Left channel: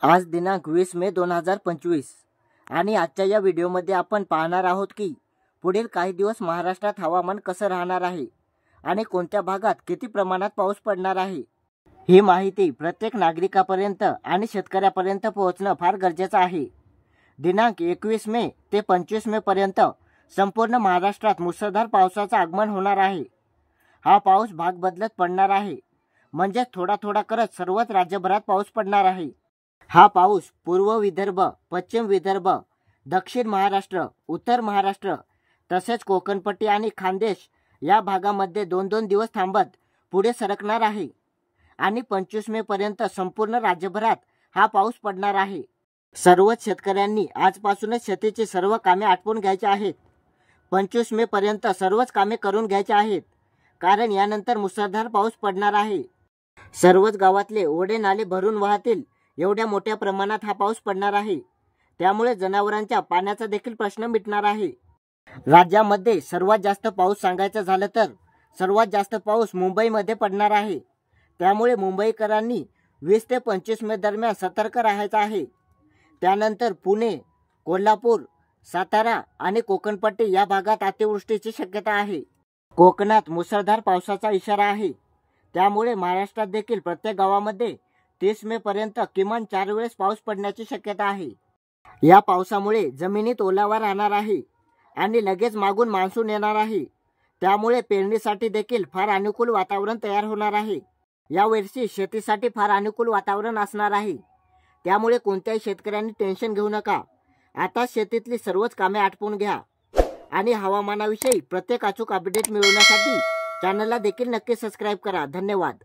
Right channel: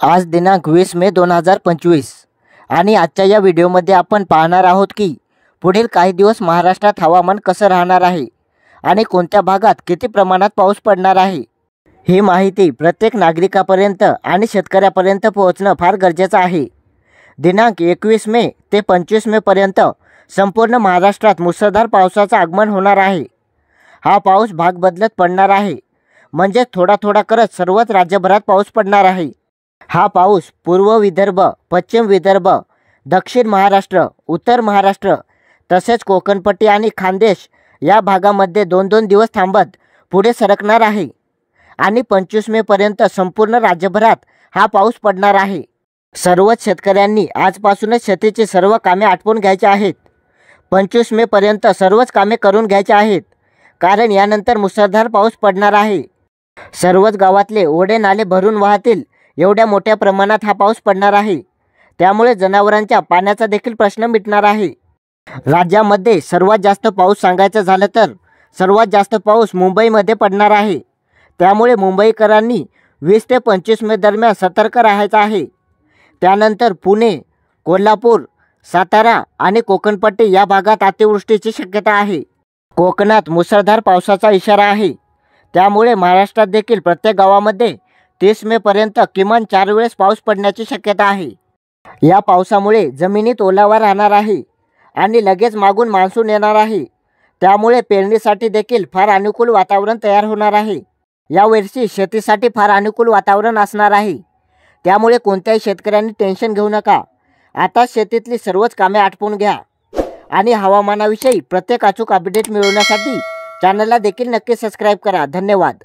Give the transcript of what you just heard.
आज दिनांक 20 मे 2025 आणि आजच्या या व्हिडिओमध्ये आपण पाहणार आहोत की पुढील काही दिवस महाराष्ट्रात हवामान कसं राहणार आहे आणि कोणत्या भागात किती प्रमाणात पाऊस पडणार आहे। ही माहिती प्रत्येक नागरिकापर्यंत आणि शेतकऱ्यापर्यंत पोहोचणं फार गरजेचं आहे। दिनांक 21 मे ते 25 मे पर्यंत संपूर्ण महाराष्ट्रात मुसळधार पावसाचं आगमन होणार आहे। हा पाऊस भाग बदलत पडणार आहे, म्हणजे थोडा थोडा करत सर्वच राज्यभरात पाऊस पडणार आहे। हा पाऊस पूर्व विदर्भ, पश्चिम विदर्भ, दक्षिण महाराष्ट्र, उत्तर महाराष्ट्र तसेच कोकणपट्टी आणि खानदेश या भागामध्ये 2-2 दिवस थांबत पुढे सरकणार आहे आणि 25 मे पर्यंत संपूर्ण राज्यभरात हा पाऊस पडणार आहे। सर्वच शेतकऱ्यांनी आजपासूनच शेतीची सर्व कामे आटपून घ्यायची आहेत। 25 मे पर्यंत सर्वच कामे करून घ्यायची आहेत, कारण यानंतर मुसळधार पाऊस पडणार आहे। सर्वच गावातले ओढे नाले भरून वाहतील एवढ्या मोठ्या प्रमाणात हा पाऊस पडणार आहे। त्यामुळे जनावरांच्या पाण्याचा देखील प्रश्न मिटणार आहे। राज्यामध्ये सर्वात जास्त पाऊस सांगायचं झालं तर सर्वात जास्त पाऊस मुंबईमध्ये पडणार आहे। त्यामुळे मुंबईकरांनी 20 ते 25 मे दरम्यान सतर्क राहायचं आहे। त्यानंतर पुणे, कोल्हापूर, सातारा आणि कोकणपट्टी या भागात अतिवृष्टीची शक्यता आहे। कोकणात मुसळधार पावसाचा इशारा आहे। त्यामुळे महाराष्ट्रात देखील प्रत्येक गावामध्ये 30 मे पर्यंत किमान 4 वेळेस पाऊस पडण्याची शक्यता आहे। या पावसामुळे जमिनीत ओलावा राहणार आहे आणि लगेच मागून मान्सून येणार आहे। त्यामुळे पेरणीसाठी देखील फार अनुकूल वातावरण तयार होणार आहे। यावर्षी शेतीसाठी फार अनुकूल वातावरण असणार आहे। त्यामुळे कोणत्याही शेतकऱ्यांनी टेन्शन घेऊ नका। आता शेतीतली सर्वच कामे आटपून घ्या आणि हवामानाविषयी प्रत्येक अचूक अपडेट मिळवण्यासाठी चॅनलला देखील नक्की सबस्क्राईब करा। धन्यवाद।